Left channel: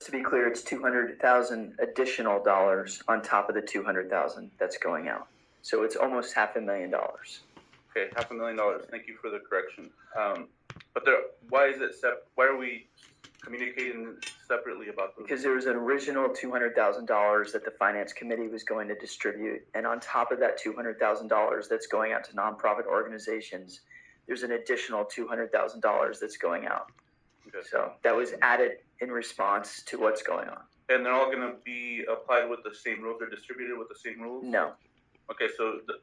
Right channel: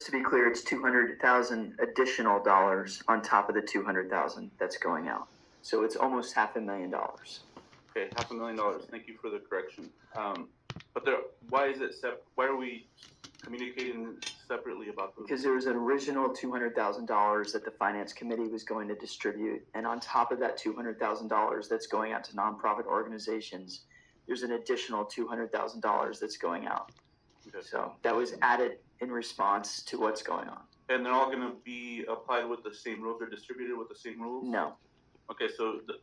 To be clear, it's 200,000 additional dollars on top of the 200,000 that's going out. So it's almost $500,000. Okay, $500,000. Thank you for the correction. But why is it why are we communicating separately about those? Because there was an original $200,000 that the finance committee was going to distribute, and on top of that $200,000 that's going out to nonprofit organizations, there's an additional $200,000 that's going out. Okay. So that was added in response to what's going on. And they're all going to be applied with the same rules? They're distributed with the same rules? No. Okay, so the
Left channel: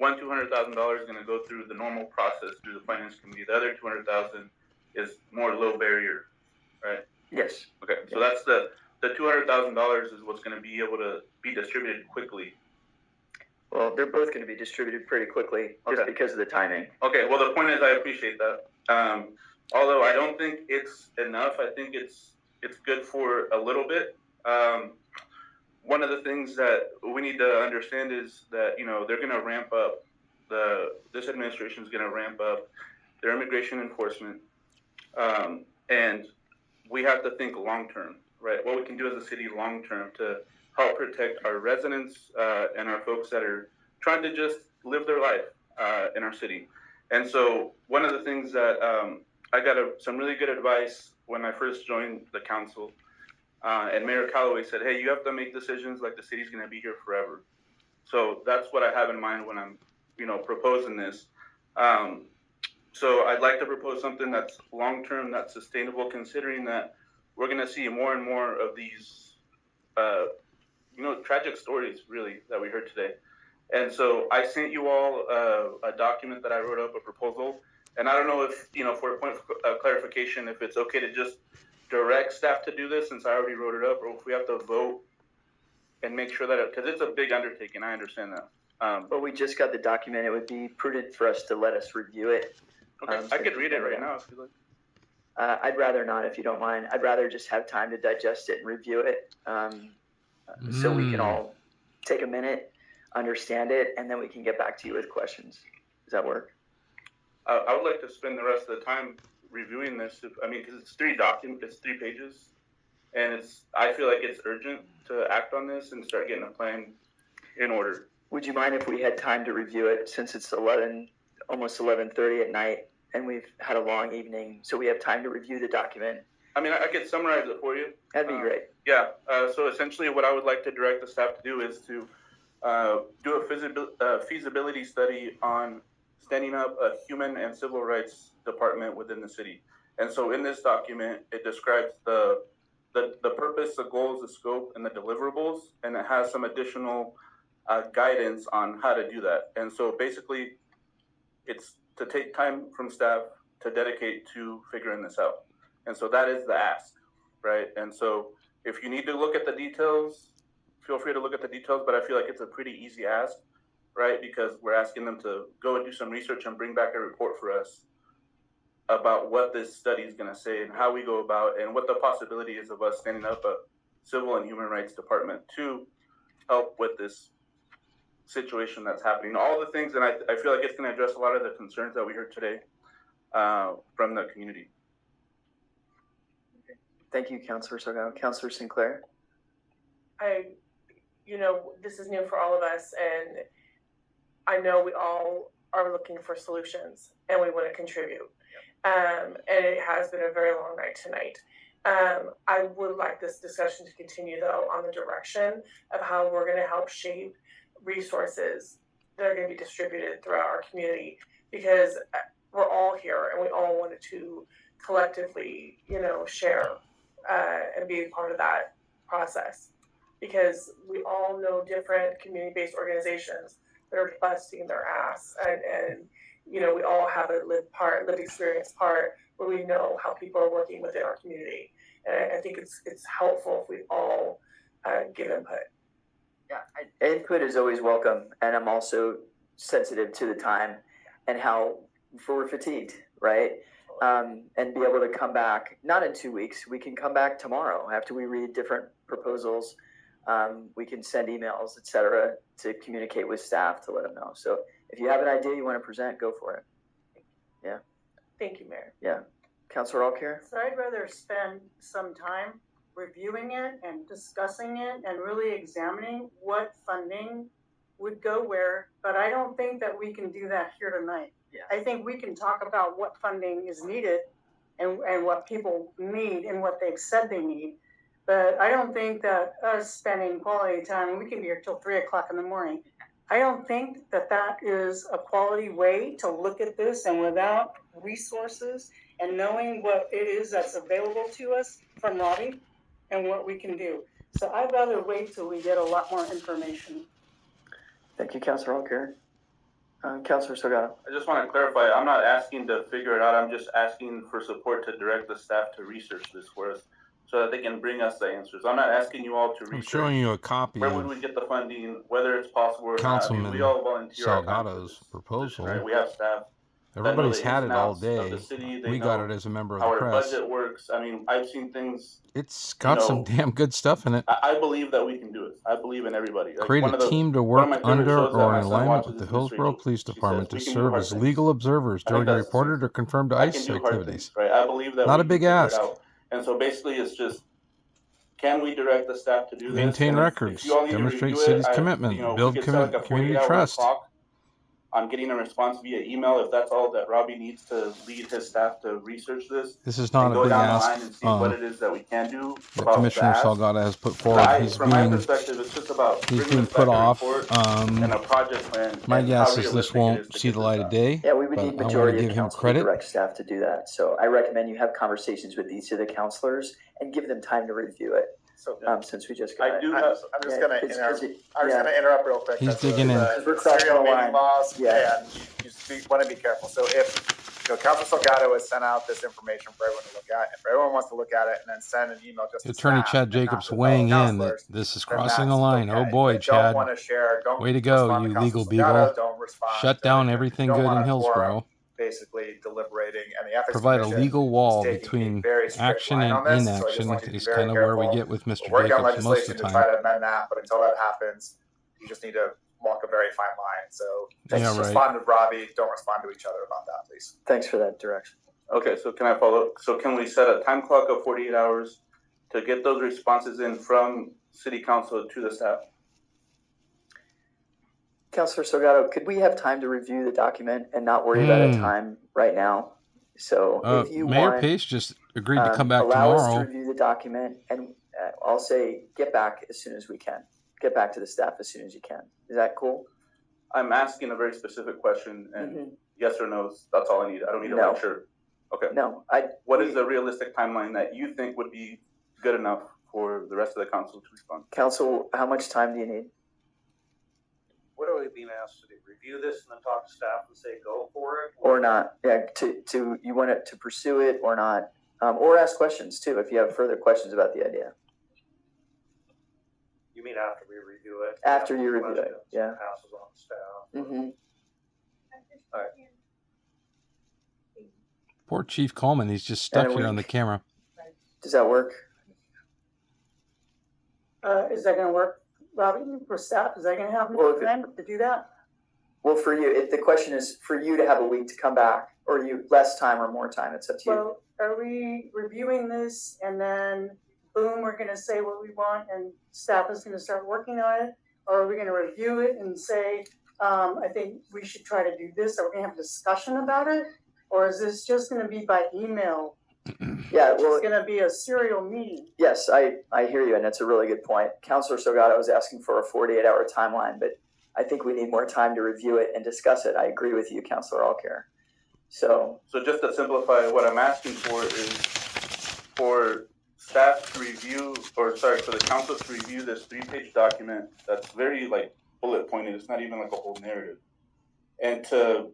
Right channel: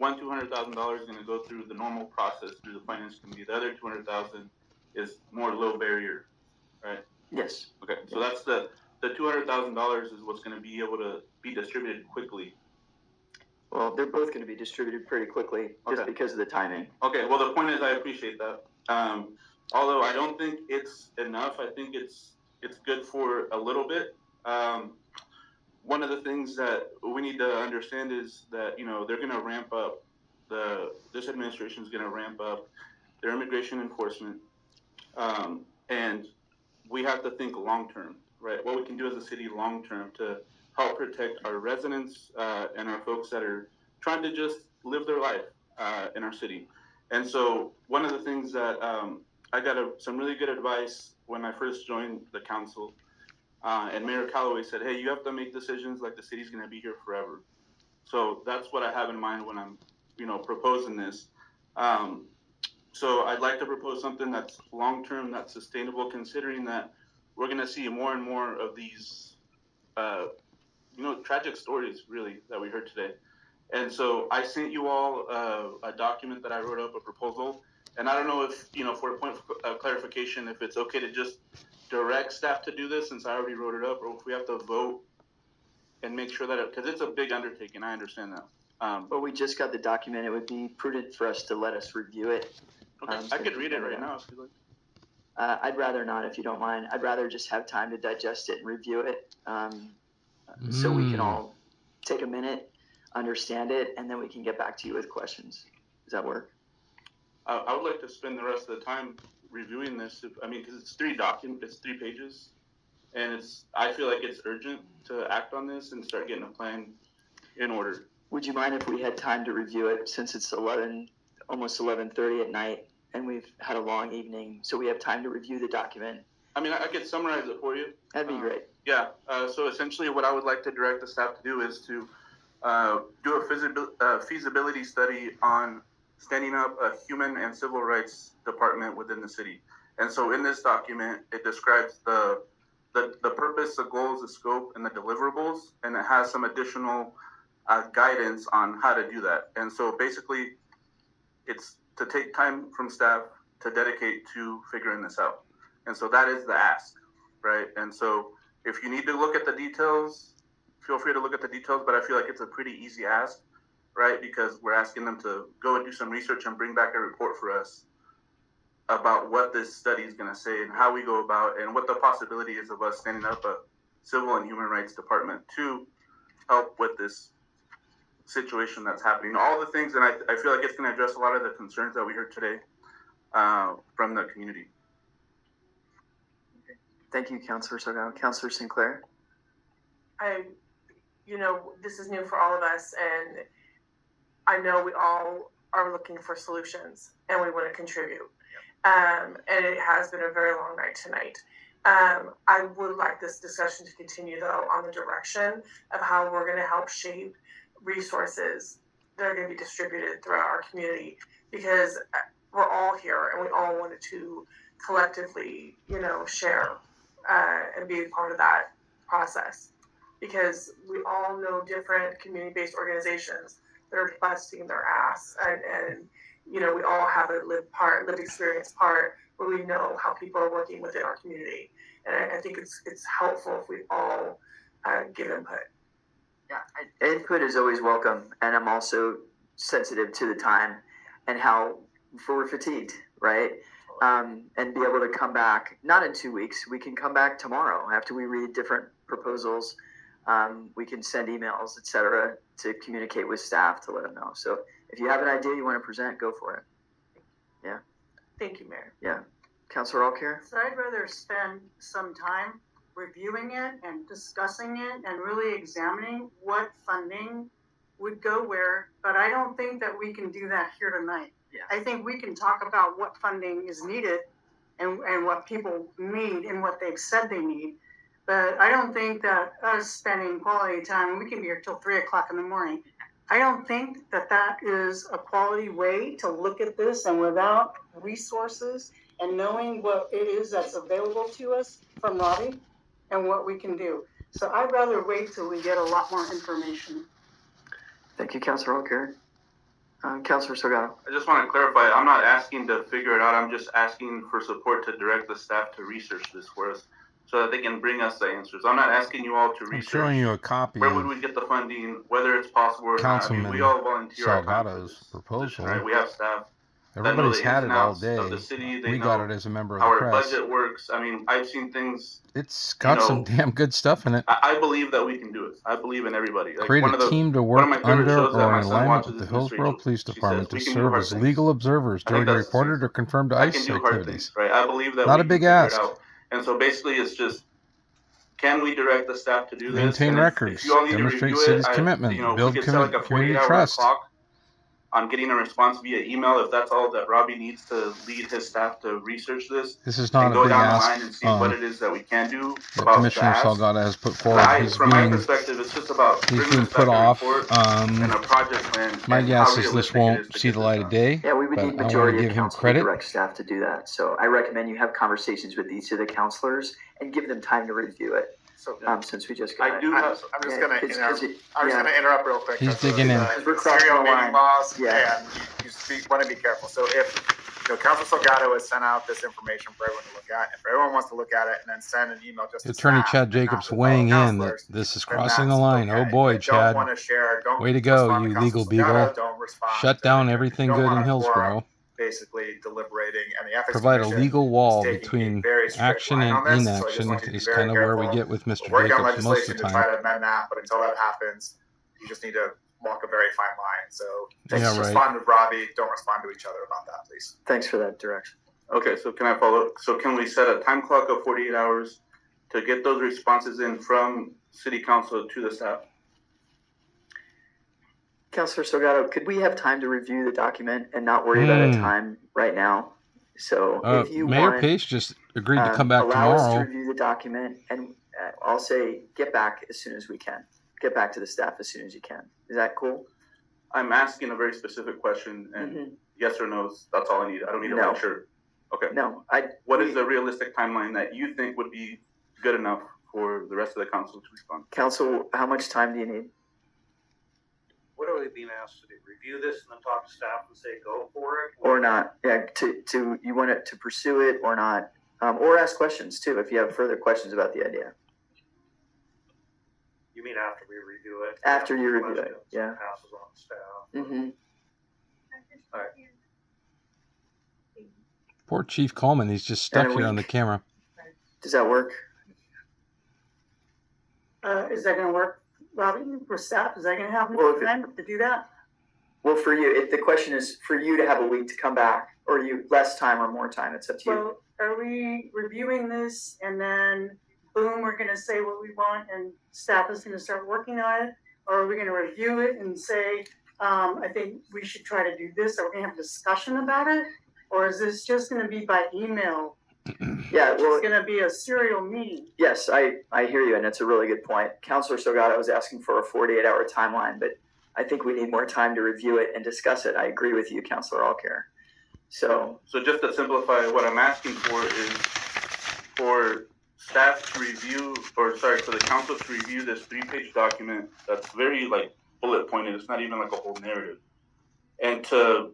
$200,000 is going to go through the normal process through the finance committee. The other $200,000 is more low barrier, right? Yes. Okay, so that's the $200,000 is what's going to be able to be distributed quickly. Well, they're both going to be distributed pretty quickly just because of the timing. Okay, well, the point is I appreciate that. Although I don't think it's enough, I think it's good for a little bit. One of the things that we need to understand is that, they're going to ramp up, this administration is going to ramp up their immigration enforcement. And we have to think long-term, right? What we can do as a city long-term to help protect our residents and our folks that are trying to just live their life in our city. And so one of the things that I got some really good advice when I first joined the council, and Mayor Calloway said, hey, you have to make decisions like the city's going to be here forever. So that's what I have in mind when I'm, proposing this. So I'd like to propose something that's long-term, that's sustainable, considering that we're going to see more and more of these, tragic stories, really, that we heard today. And so I sent you all a document that I wrote up, a proposal. And I don't know if, for a point of clarification, if it's okay to just direct staff to do this since I already wrote it up, or if we have to vote and make sure that, because it's a big undertaking, I understand that. But we just got the document. It would be prudent for us to let us review it. Okay, I could read it right now if you like. I'd rather not, if you don't mind. I'd rather just have time to digest it and review it, so we can all take a minute, understand it, and then we can get back to you with questions. Does that work? I would like to spend the rest of the time reviewing this. Because it's 3 pages, and I feel like it's urgent to act on this and start getting a plan in order. Would you mind if we had time to review it since it's almost 11:30 at night, and we've had a long evening, so we have time to review the document? I could summarize it for you. That'd be great. Yeah. So essentially, what I would like to direct the staff to do is to do a feasibility study on standing up a human and civil rights department within the city. And so in this document, it describes the purpose, the goals, the scope, and the deliverables, and it has some additional guidance on how to do that. And so basically, it's to take time from staff to dedicate to figuring this out. And so that is the ask, right? And so if you need to look at the details, feel free to look at the details, but I feel like it's a pretty easy ask, right? Because we're asking them to go and do some research and bring back a report for us about what this study is going to say and how we go about and what the possibility is of us standing up a civil and human rights department to help with this situation that's happening. All the things, and I feel like it's going to address a lot of the concerns that we heard today from the community. Thank you, Councilor Salgado. Councilor Sinclair? This is new for all of us, and I know we all are looking for solutions, and we want to contribute. And it has been a very long night tonight. I would like this discussion to continue, though, on the direction of how we're going to help shape resources that are going to be distributed throughout our community, because we're all here and we all wanted to collectively, share and be a part of that process, because we all know different community-based organizations that are busting their ass, and we all have a lived experience part where we know how people are working within our community, and I think it's helpful if we all give input. Yeah, input is always welcome, and I'm also sensitive to the time and how we're fatigued, right? And be able to come back, not in 2 weeks, we can come back tomorrow after we read different proposals. We can send emails, etc., to communicate with staff to let them know. So if you have an idea you want to present, go for it. Yeah. Thank you, Mayor. Yeah. Councilor Alcare? So I'd rather spend some time reviewing it and discussing it and really examining what funding would go where, but I don't think that we can do that here tonight. Yeah. I think we can talk about what funding is needed and what people need and what they've said they need. But I don't think that us spending quality time, we can be here till 3 o'clock in the morning. I don't think that that is a quality way to look at this, and without resources and knowing what it is that's available to us from Robbie and what we can do. So I'd rather wait till we get a lot more information. Thank you, Councilor Alcare. Councilor Salgado. I just want to clarify, I'm not asking to figure it out, I'm just asking for support to direct the staff to research this for us so that they can bring us the answers. I'm not asking you all to research. I'm showing you a copy where would of we get the funding, whether it's possible or Councilman not. I mean, we all volunteer our time for Salgado's this proposal. position, right? We have staff. Everybody's had it all Of day. the city. They We know got it as a member of how the our press. budget works. I mean, I've seen things. It's got some damn good stuff in it. I believe that we can do it. I believe in everybody. Like Create a team to work under or in alignment with the Hillsboro Police Department to serve as legal observers during reported or confirmed ICE activities. Right? I believe that not a big ask. And so basically, it's just, can we direct the staff to do this? Maintain records, demonstrate city's commitment, build community trust. On getting a response via email, if that's all that Robbie needs to lead his staff to research this. This is not a big ask. And see what it is that we can do. That Commissioner Salgado has put forward. From my perspective, it's just about he's being put off. And a project plan. My guess is this won't see the light of day. Yeah, we would need majority of council credit. to direct staff to do that. So I recommend you have conversations with each of the councilors and give them time to review it. So since we just got I'm just going to interrupt real quick. He's digging in. We're crossing the line. Laws, yeah. And you want to be careful. So if Councilor Salgado has sent out this information for everyone to look at, if everyone wants to look at it and then send an email just Attorney Chad Jacobs weighing in that this is crossing the line. Okay. Oh boy, Chad. Way to go, you legal beagle. Shut down everything good in Hillsboro. Basically deliberating, and the ethics provide a legal wall between action and inaction is kind of where we get with Mr. Jacobs most of the time. To try to amend that, but until that happens, you just need to walk a very fine line. So just respond with Robbie. Don't respond to each other about that, please. Thanks for that direction. Okay, so can I follow? So can we set a time clock of 48 hours to get those responses in from City Council to the staff? Councilor Salgado, could we have time to review the document and not worry about a time right now? So if you Mayor Pace just agreed to come back allow us tomorrow. to review the document, and I'll say get back as soon as we can. Get back to the staff as soon as you can. Is that cool? I'm asking a very specific question, and yes or no, that's all I need. I don't need to make sure. Okay. No. What is the realistic timeline that you think would be good enough for the rest of the council to respond? Council, how much time do you need? What are we being asked to do? Review this and then talk to staff and say go for it? Or not? Yeah, to you want it to pursue it or not? Or ask questions too if you have further questions about the idea. You mean after we review it? After you review it, yeah. Passes on staff. Mm-hmm. All right. Poor Chief Coleman, he's just stuck here on the camera. Does that work? Is that going to work, Robbie, for staff? Is that going to happen to do that? Well, for you, the question is for you to have a week to come back, or you less time or more time. It's up to you. So are we reviewing this and then boom, we're going to say what we want and staff is going to start working on it? Or are we going to review it and say, I think we should try to do this? Are we going to have a discussion about it? Or is this just going to be by email? Yeah, well, it's going to be a serial meeting. Yes, I hear you, and that's a really good point. Councilor Salgado was asking for a 48-hour timeline, but I think we need more time to review it and discuss it. I agree with you, Councilor Alcare. So just to simplify, what I'm asking for is for staff to review, for the council to review this 3-page document that's very bullet pointed. It's not even like a whole narrative, and to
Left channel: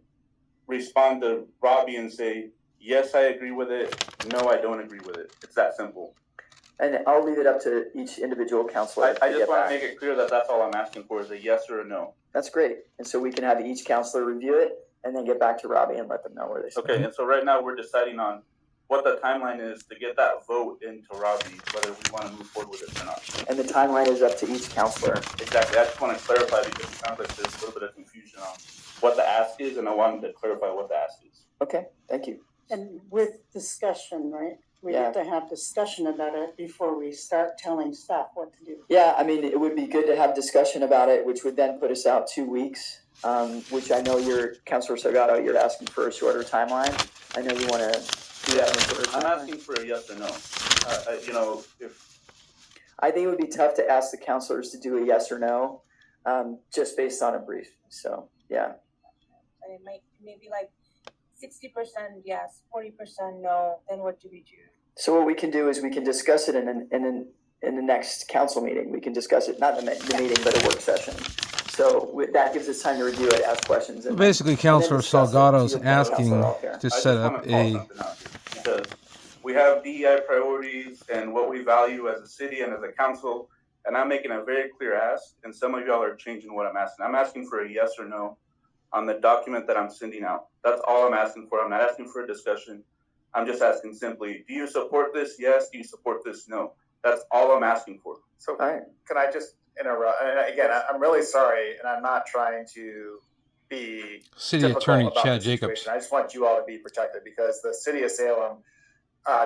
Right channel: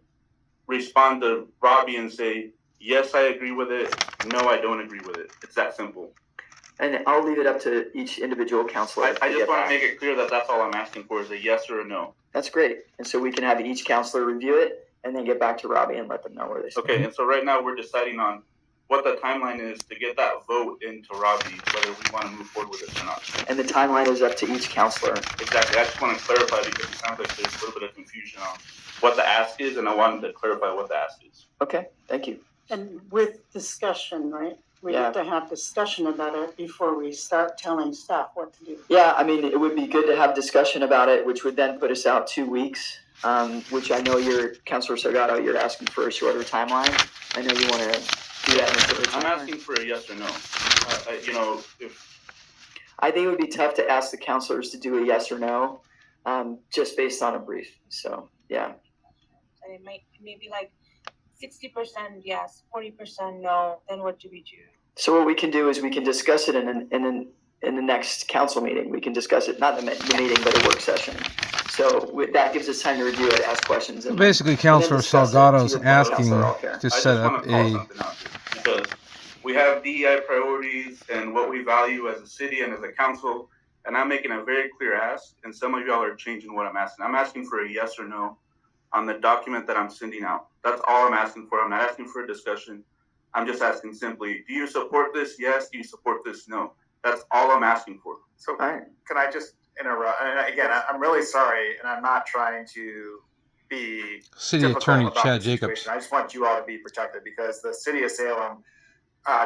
respond to Robbie and say, yes, I agree with it. No, I don't agree with it. It's that simple. And I'll leave it up to each individual councilor. I just want to make it clear that that's all I'm asking for is a yes or a no. That's great. And so we can have each councilor review it and then get back to Robbie and let them know where they stand. Okay, and so right now we're deciding on what the timeline is to get that vote into Robbie, whether we want to move forward with it or not. And the timeline is up to each councilor. Exactly. I just want to clarify because it sounds like there's a little bit of confusion on what the ask is, and I wanted to clarify what the ask is. Okay, thank you. And with discussion, right? We Yeah. have to have discussion about it before we start telling staff what to do. Yeah, I mean, it would be good to have discussion about it, which would then put us out 2 weeks, which I know Councilor Salgado, you're asking for a shorter timeline. I know you want to do that in a shorter timeline. I'm asking for a yes or no. I think it would be tough to ask the councilors to do a yes or no, just based on a brief. So, yeah. And it might maybe like 60% yes, 40% no. Then what do we do? So what we can do is we can discuss it in the next council meeting. We can discuss it, not in the meeting, but a work session. So that gives us time to review it, ask questions. So basically, Councilor Salgado's asking to set I up just want to a. call something out because we have DEI priorities and what we value as a city and as a council, and I'm making a very clear ask, and some of y'all are changing what I'm asking. I'm asking for a yes or no on the document that I'm sending out. That's all I'm asking for. I'm not asking for a discussion. I'm just asking simply, do you support this? Yes. Do you support this? No. That's all I'm asking for. So can I just interrupt? And again, I'm really sorry, and I'm not trying to be City Attorney Chad Jacobs. I just want you all to be protected because the city of Salem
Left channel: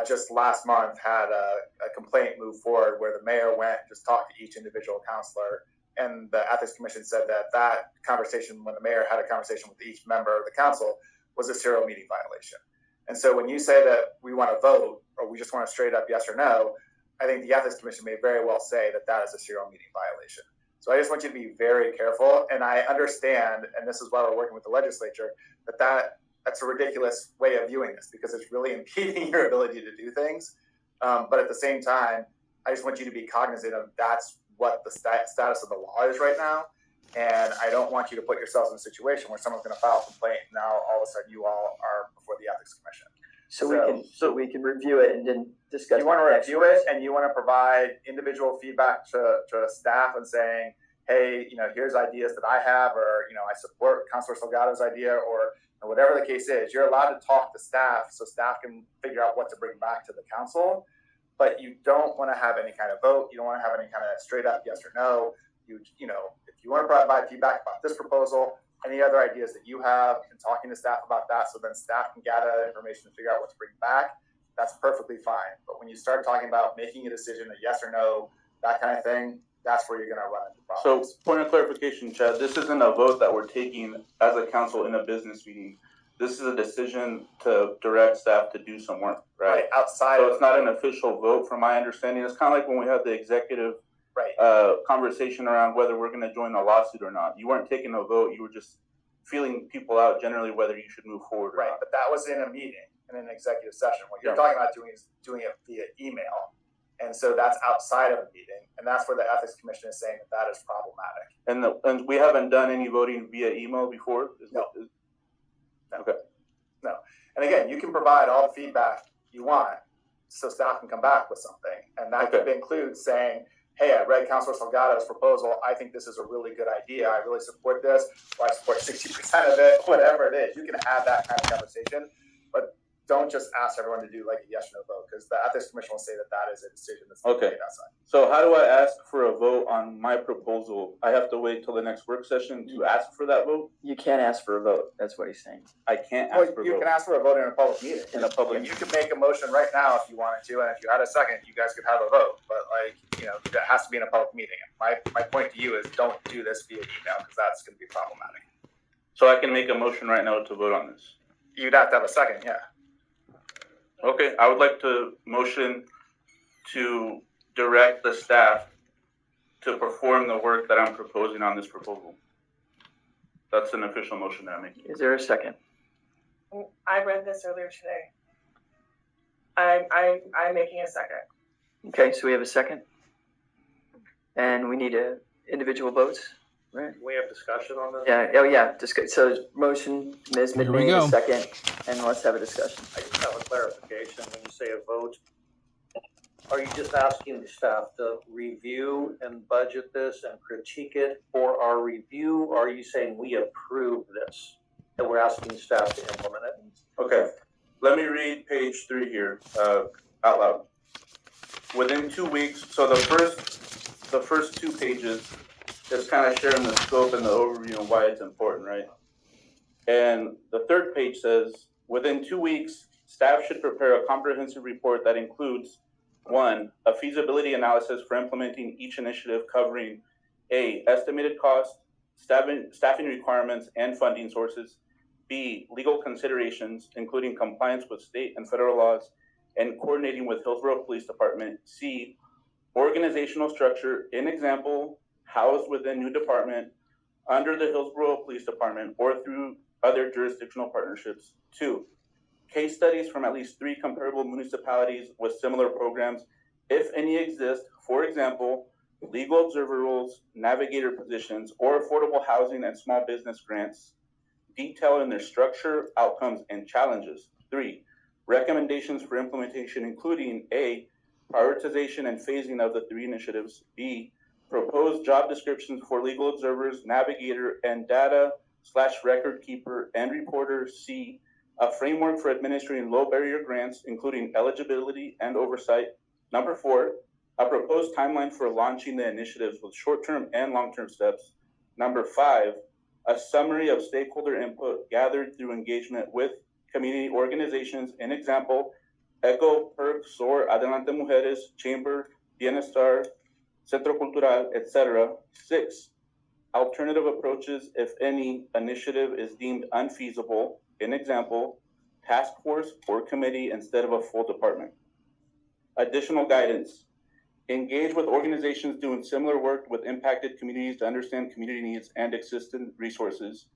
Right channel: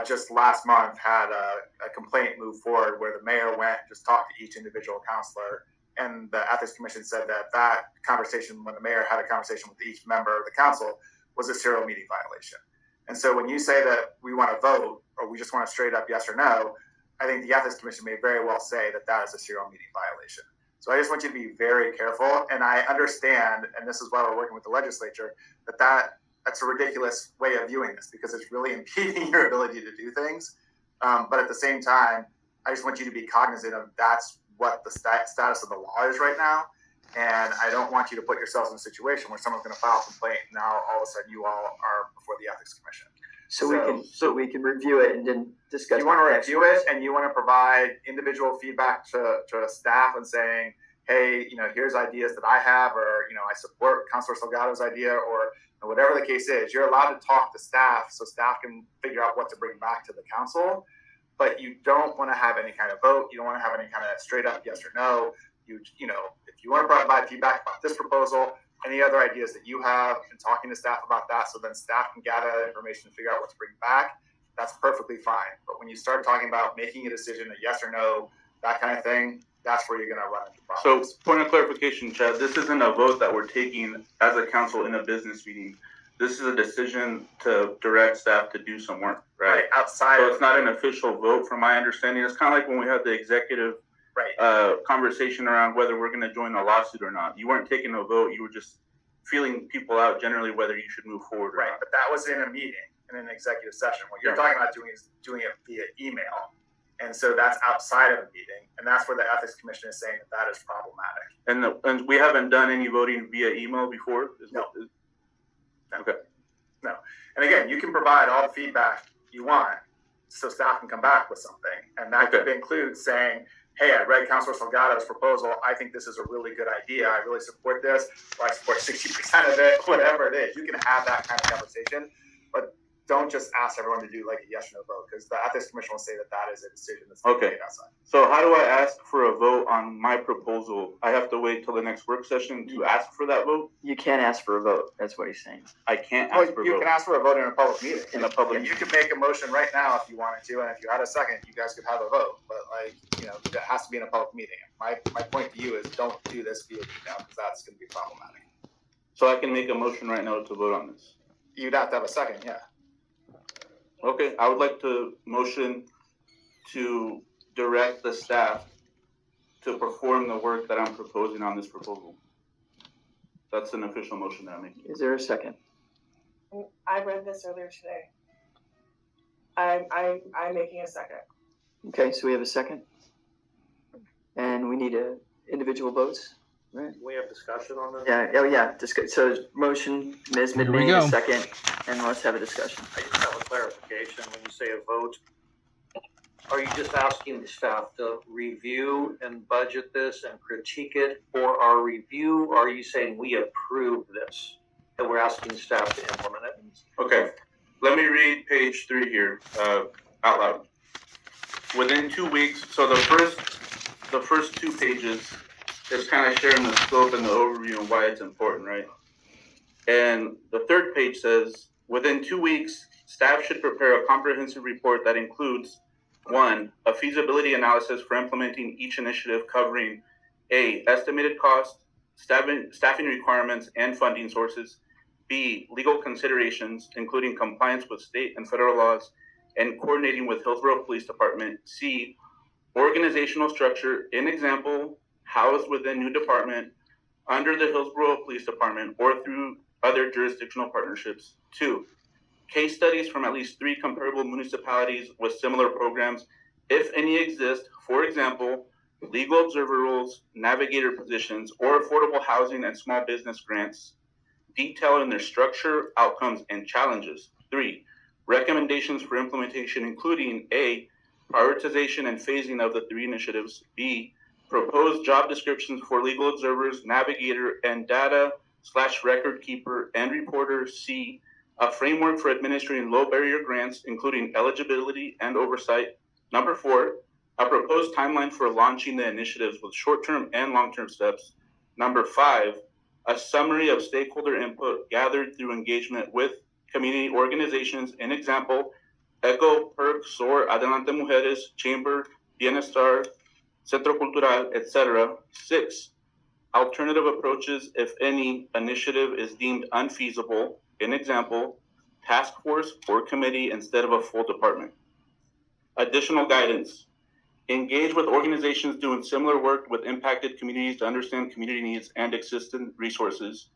just last month had a complaint move forward where the mayor went and just talked to each individual counselor, and the ethics commission said that conversation, when the mayor had a conversation with each member of the council, was a serial meeting violation. And so when you say that we want to vote or we just want a straight up yes or no, I think the ethics commission may very well say that is a serial meeting violation. So I just want you to be very careful. And I understand, and this is why we're working with the legislature, that's a ridiculous way of viewing this because it's really impeding your ability to do things. But at the same time, I just want you to be cognizant of that's what the status of the law is right now. And I don't want you to put yourselves in a situation where someone's going to file a complaint and now all of a sudden you all are before the ethics commission. So we can review it and then discuss. You want to review it and you want to provide individual feedback to staff and saying, hey, here's ideas that I have, or I support Councilor Salgado's idea, or whatever the case is. You're allowed to talk to staff so staff can figure out what to bring back to the council. But you don't want to have any kind of vote. You don't want to have any kind of straight up yes or no. If you want to provide feedback about this proposal, any other ideas that you have, and talking to staff about that, so then staff can gather that information and figure out what to bring back, that's perfectly fine. But when you start talking about making a decision, a yes or no, that kind of thing, that's where you're going to run into problems. So, point of clarification, Chad, this isn't a vote that we're taking as a council in a business meeting. This is a decision to direct staff to do some work, right? Outside. So it's not an official vote, from my understanding. It's kind of like when we had the executive conversation around whether we're going to join a lawsuit or not. You weren't taking a vote. You were just feeling people out generally whether you should move forward or not. But that was in a meeting, in an executive session. What you're talking about doing is doing it via email. And so that's outside of a meeting. And that's where the ethics commission is saying that is problematic. And we haven't done any voting via email before? No. Okay. No. And again, you can provide all the feedback you want so staff can come back with something. And that could include saying, hey, I read Councilor Salgado's proposal. I think this is a really good idea. I really support this, or I support 60% of it, whatever it is. You can have that kind of conversation, but don't just ask everyone to do like a yes or no vote, because the ethics commission will say that is a decision that's made outside. So how do I ask for a vote on my proposal? I have to wait till the next work session to ask for that vote? You can't ask for a vote. That's what he's saying. I can't ask for a vote. You can ask for a vote in a public meeting. You can make a motion right now if you wanted to, and if you had a second, you guys could have a vote. But that has to be in a public meeting. My point to you is don't do this via email, because that's going to be problematic. So I can make a motion right now to vote on this? You'd have to have a second, yeah. Okay, I would like to motion to direct the staff to perform the work that I'm proposing on this proposal. That's an official motion that I'm making. Is there a second? I read this earlier today. I'm making a second. Okay, so we have a second. And we need individual votes, right? We have discussion on this? Yeah, oh yeah, so motion, Ms. Here we Midman, go. a second, and let's have a discussion. I just have a clarification. When you say a vote, are you just asking the staff to review and budget this and critique it for our review? Or are you saying we approve this and we're asking staff to implement it? Okay, let me read page 3 here out loud. Within 2 weeks, so the first 2 pages is kind of sharing the scope and the overview and why it's important, right? And the third page says, within 2 weeks, staff should prepare a comprehensive report that includes 1, a feasibility analysis for implementing each initiative covering A, estimated cost, staffing requirements and funding sources, B, legal considerations, including compliance with state and federal laws and coordinating with Hillsboro Police Department, C, organizational structure, in example, housed within new department, under the Hillsboro Police Department, or through other jurisdictional partnerships. 2, case studies from at least 3 comparable municipalities with similar programs, if any exist, for example, legal observer roles, navigator positions, or affordable housing and small business grants, detailed in their structure, outcomes, and challenges. 3, recommendations for implementation, including A, prioritization and phasing of the 3 initiatives, B, proposed job descriptions for legal observers, navigator, and data/record keeper and reporter, C, a framework for administering low barrier grants, including eligibility and oversight. Number 4, a proposed timeline for launching the initiatives with short-term and long-term steps. Number 5, a summary of stakeholder input gathered through engagement with community organizations, in example, ECHO, PERC, SOAR, Adelante Mujeres, Chamber, Bienestar, Centro Cultural, etc. 6, alternative approaches if any initiative is deemed unfeasible, in example, task force or committee instead of a full department. Additional guidance. Engage with organizations doing similar work with impacted communities to understand community needs and existing resources.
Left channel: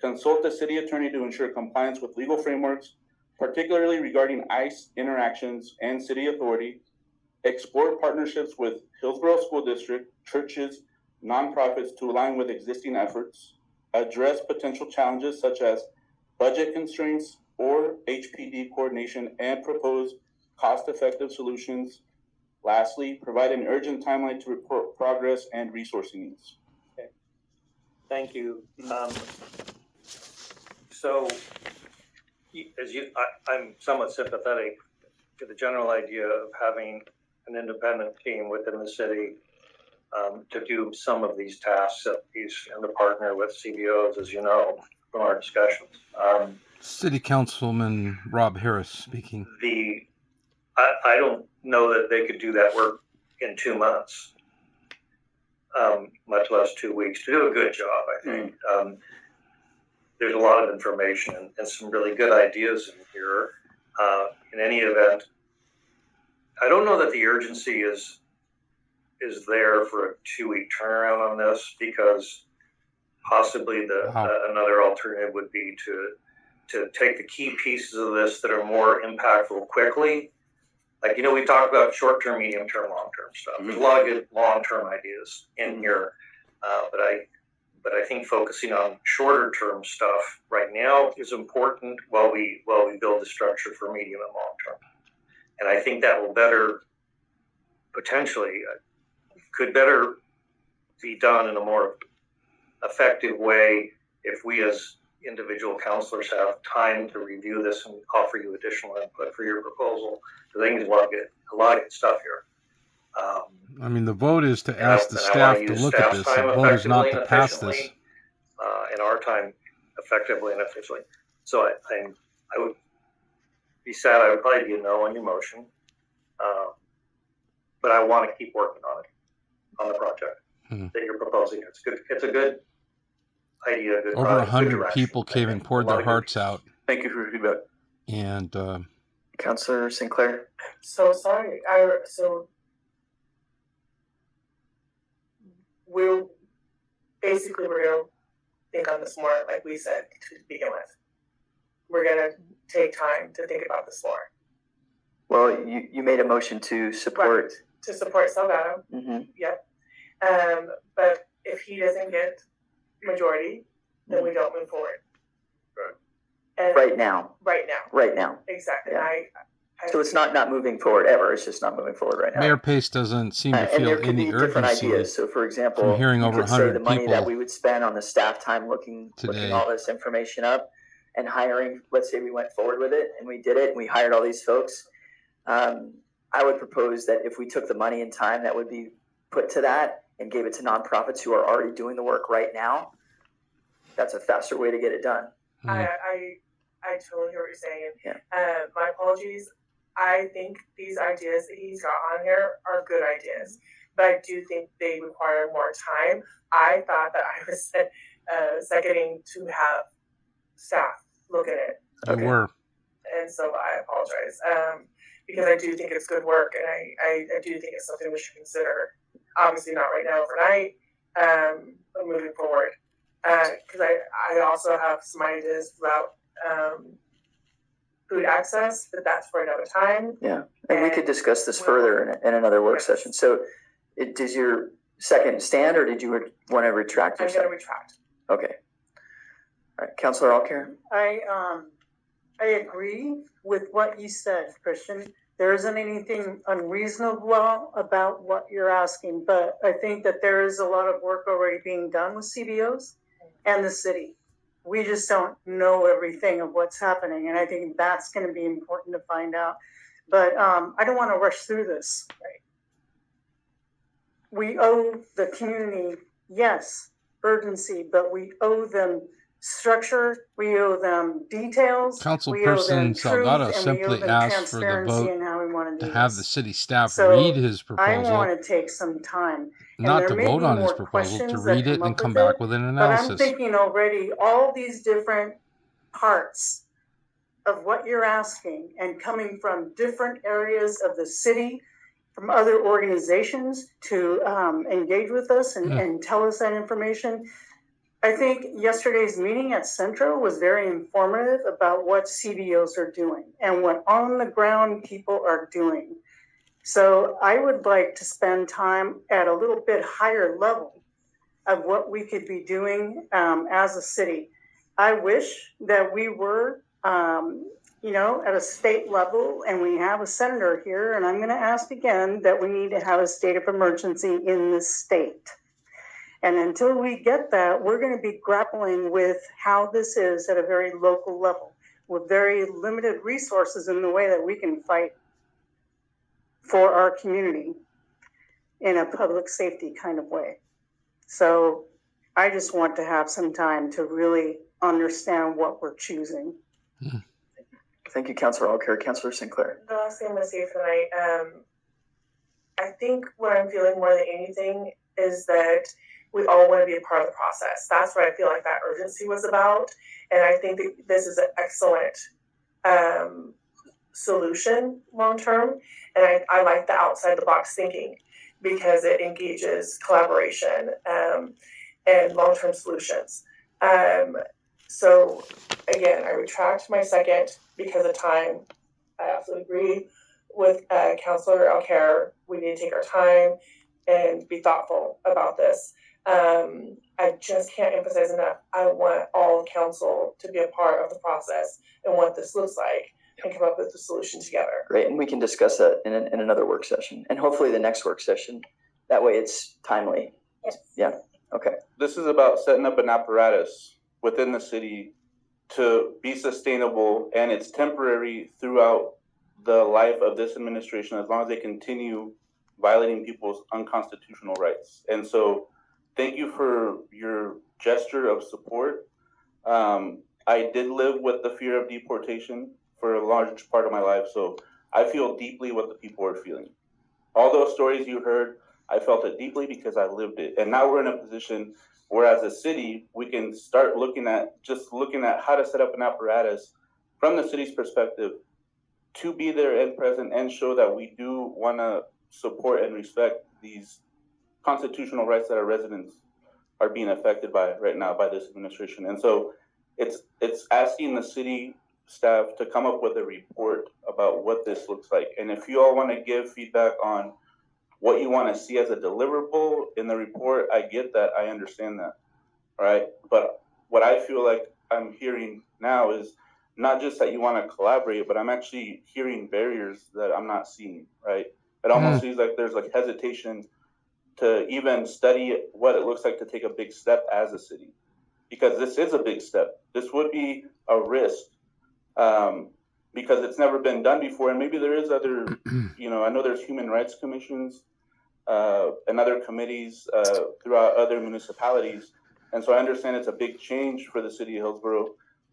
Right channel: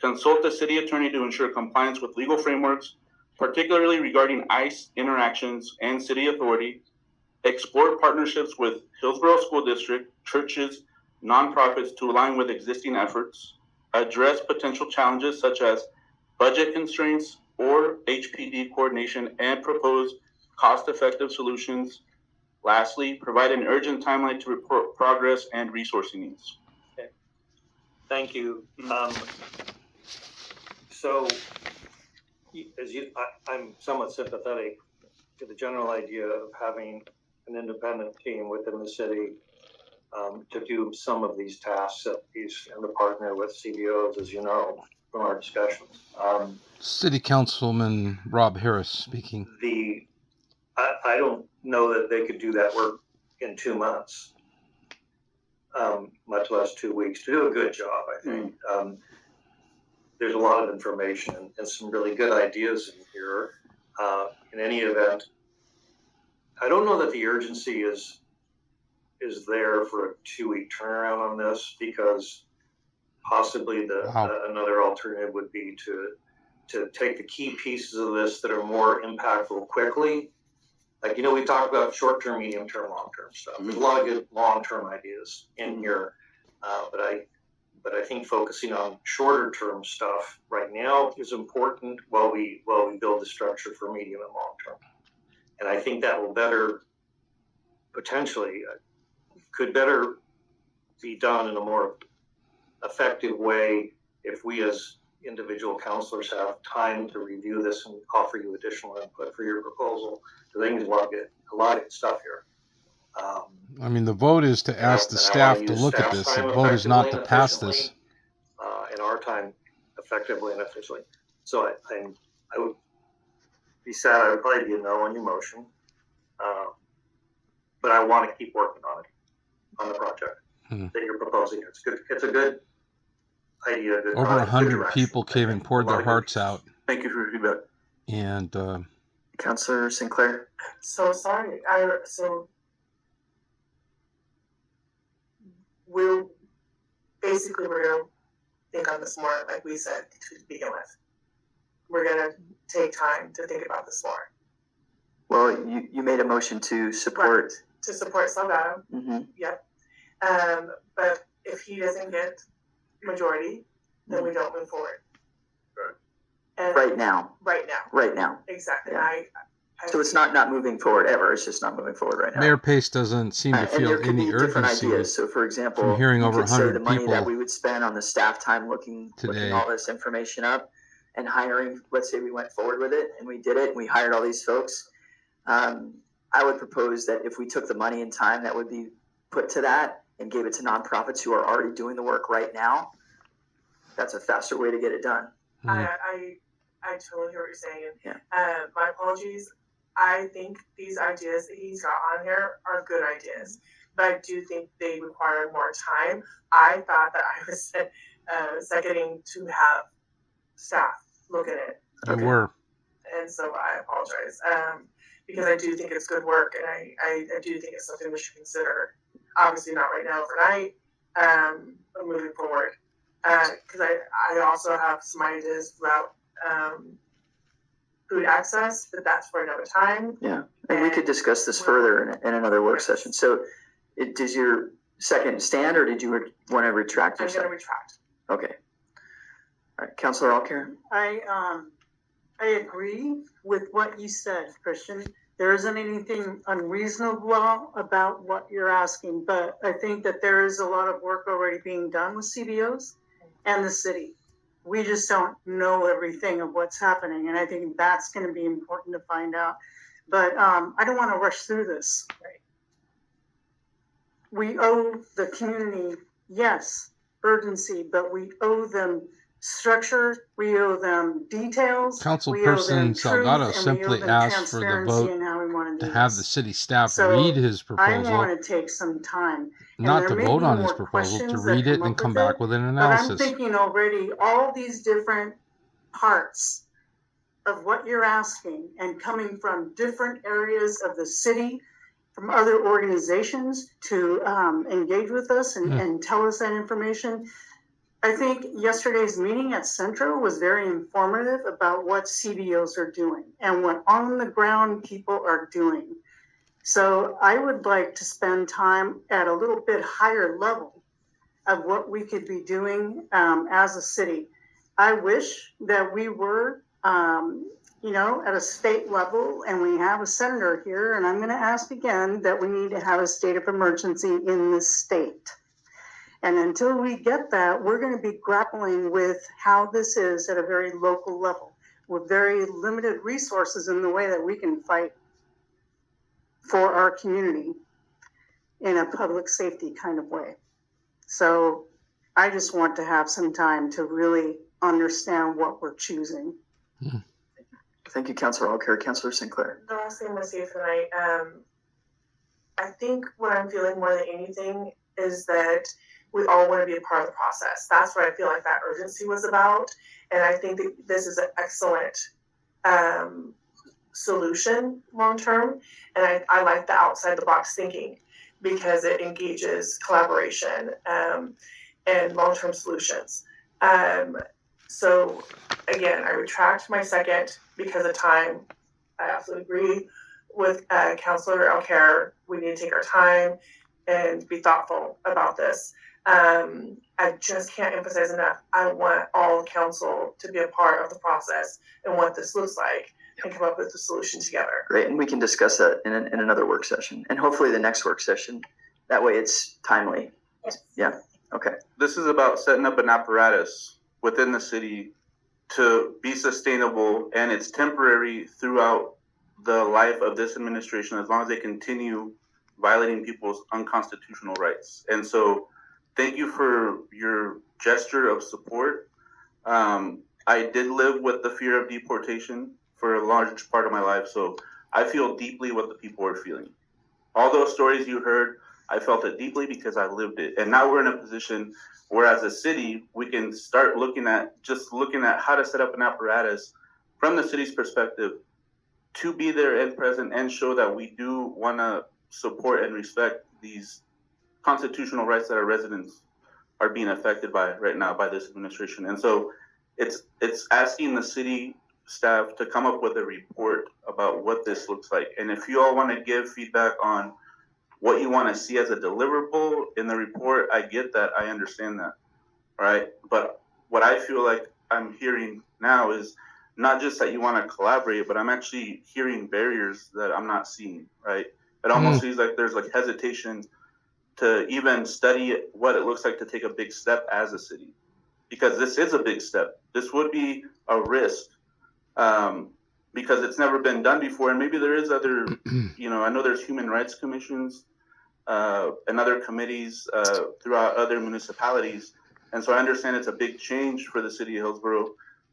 Consult the city attorney to ensure compliance with legal frameworks, particularly regarding ICE interactions and city authority. Explore partnerships with Hillsboro School District, churches, nonprofits to align with existing efforts. Address potential challenges such as budget constraints or HPD coordination and propose cost-effective solutions. Lastly, provide an urgent timeline to report progress and resourcing needs. Okay. Thank you. So, I'm somewhat sympathetic to the general idea of having an independent team within the city to do some of these tasks. He's and to partner with CBOs, as you know, from our discussions. City Councilman Rob Harris speaking. I don't know that they could do that work in 2 months, much less 2 weeks, to do a good job, I think. There's a lot of information and some really good ideas in here. In any event, I don't know that the urgency is there for a 2-week turnaround on this, because possibly another alternative would be to take the key pieces of this that are more impactful quickly. Like, we talked about short-term, medium-term, long-term stuff. There's a lot of good long-term ideas in here, but I think focusing on shorter-term stuff right now is important while we build the structure for medium and long-term. And I think that will could better be done in a more effective way if we as individual counselors have time to review this and offer you additional input for your proposal. I think there's a lot of good stuff here. The vote is to ask the staff to look at this. The vote is not to pass this. In our time, effectively and efficiently. So I would be sad. I would probably be a no on your motion. But I want to keep working on it, on the project that you're proposing. It's good. It's a good idea. Good Over 100 people came and poured their hearts out. Thank you for your feedback. And Councilor Sinclair. So sorry. We're gonna think on this more, like we said to begin with. We're gonna take time to think about this more. Well, you made a motion to support. Right. To support Salgado. Mm-hmm. Yep. But if he doesn't get majority, then we don't move forward. Right. And Right now. Right now. Exactly. Yeah. I So it's not moving forward ever. It's just not moving forward right now. Mayor Pace doesn't seem to and feel there could any be different urgency ideas. So, for example, from hearing over you could say 100 the money that people we would spend on the staff time looking all this information up and hiring. Let's say we went forward with it and we did it and we hired all these folks. I would propose that if we took the money and time that would be put to that and gave it to nonprofits who are already doing the work right now, that's a faster way to get it done. I totally hear what you're saying. Yeah. My apologies. I think these ideas that he's got on here are good ideas, but I do think they require more time. I thought that I was seconding to have staff look at it. You were. And so I apologize. Because I do think it's good work, and I do think it's something we should consider. Obviously not right now overnight, but moving forward. Because I also have some ideas about food access, but that's for another time. Yeah, and we could discuss this further in another work session. So, does your second stand, or did you want to retract yourself? I'm going to retract. Okay. All right, Councilor Alcare? I agree with what you said, Christian. There isn't anything unreasonable about what you're asking, but I think that there is a lot of work already being done with CBOs and the city. We just don't know everything of what's happening, and I think that's going to be important to find out. But I don't want to rush through this. Right? We owe the community, yes, urgency, but we owe them structure, we owe them details. Councilperson Salgado simply asked for the vote to have the city staff read his proposal. I want to take some time. Not to vote on his proposal, to read it and come back with an analysis. But I'm thinking already all these different parts of what you're asking and coming from different areas of the city, from other organizations to engage with us and tell us that information. I think yesterday's meeting at Centro was very informative about what CBOs are doing and what on the ground people are doing. So I would like to spend time at a little bit higher level of what we could be doing as a city. I wish that we were, at a state level, and we have a senator here, and I'm going to ask again that we need to have a state of emergency in this state. And until we get that, we're going to be grappling with how this is at a very local level with very limited resources in the way that we can fight for our community in a public safety kind of way. So I just want to have some time to really understand what we're choosing. Thank you, Councilor Alcare. Councilor Sinclair. The last thing I'm going to say tonight, I think what I'm feeling more than anything is that we all want to be a part of the process. That's what I feel like that urgency was about. And I think that this is an excellent solution long term. And I like the outside the box thinking because it engages collaboration and long term solutions. So again, I retract my second because of time. I absolutely agree with Councilor Alcare. We need to take our time and be thoughtful about this. I just can't emphasize enough. I want all council to be a part of the process and what this looks like and come up with a solution together. Great, and we can discuss that in another work session, and hopefully the next work session. That way it's timely. Yes. Yeah, okay. This is about setting up an apparatus within the city to be sustainable, and it's temporary throughout the life of this administration as long as they continue violating people's unconstitutional rights. And so thank you for your gesture of support. I did live with the fear of deportation for a large part of my life, so I feel deeply what the people are feeling. All those stories you heard, I felt it deeply because I lived it. And now we're in a position where as a city, we can start looking at how to set up an apparatus from the city's perspective to be there and present and show that we do want to support and respect these constitutional rights that our residents are being affected by right now by this administration. And so it's asking the city staff to come up with a report about what this looks like. And if you all want to give feedback on what you want to see as a deliverable in the report, I get that, I understand that, right? But what I feel like I'm hearing now is not just that you want to collaborate, but I'm actually hearing barriers that I'm not seeing, right? It almost seems like there's like hesitation to even study what it looks like to take a big step as a city, because this is a big step. This would be a risk because it's never been done before. And maybe there is other, I know there's human rights commissions and other committees throughout other municipalities. And so I understand it's a big change for the city of Hillsboro,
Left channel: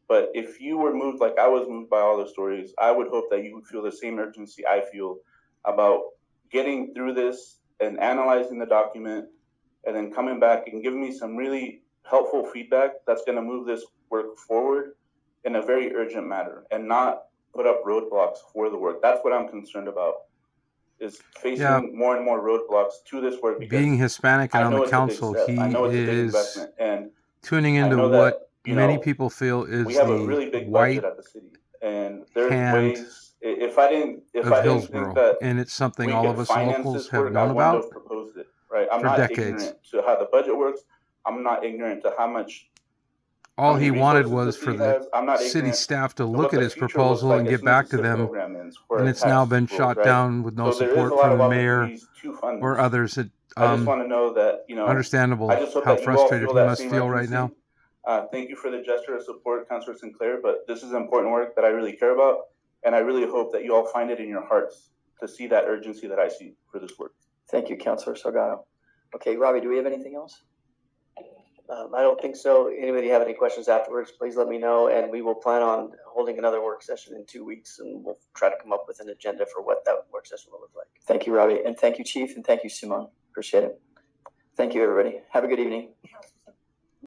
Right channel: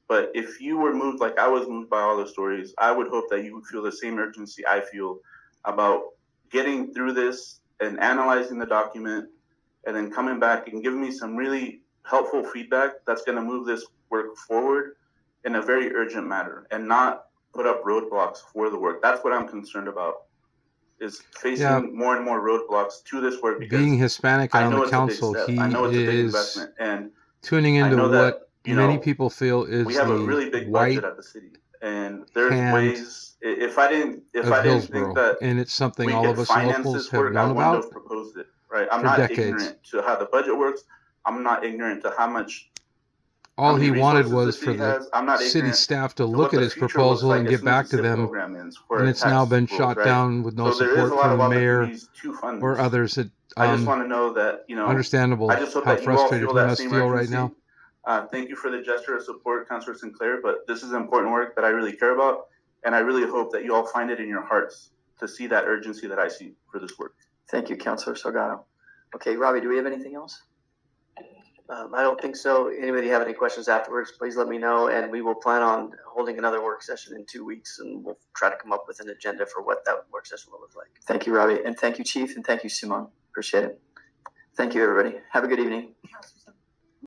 But if you were moved like I was moved by all the stories, I would hope that you would feel the same urgency I feel about getting through this and analyzing the document and then coming back and giving me some really helpful feedback that's going to move this work forward in a very urgent manner and not put up roadblocks for the work. That's what I'm concerned about, is facing more and more roadblocks to this work. Because being Hispanic and I on know the it's a big council, step. he I know it's a big is investment, and tuning I into know what that, many people feel is we have a the really big white budget at the city, and there's hand ways. If I didn't of think Hillsboro, that and it's something we all could of us finance locals this have work, I known wouldn't about have proposed it. Right? I'm for not decades. ignorant to how the budget works. I'm not ignorant to how All many he wanted resources was the for city the has. I'm not city ignorant staff to to look what at the his future looks proposal like and as get soon as back the to SIP them, program ends for and a it's now tax been rules, shot right? down with no So there is a support lot of from the mayor opportunities to fund or this. others. That I just want to know that, understandable I just hope how that you all frustrated feel he that must same feel right urgency. now. Thank you for the gesture of support, Councilor Sinclair, but this is important work that I really care about, and I really hope that you all find it in your hearts to see that urgency that I see for this work. Thank you, Councilor Salgado. Okay, Robbie, do we have anything else? I don't think so. Anybody have any questions afterwards, please let me know, and we will plan on holding another work session in 2 weeks, and we'll try to come up with an agenda for what that work session will look like. Thank you, Robbie, and thank you, Chief, and thank you, Simone. Appreciate it. Thank you, everybody. Have a good evening.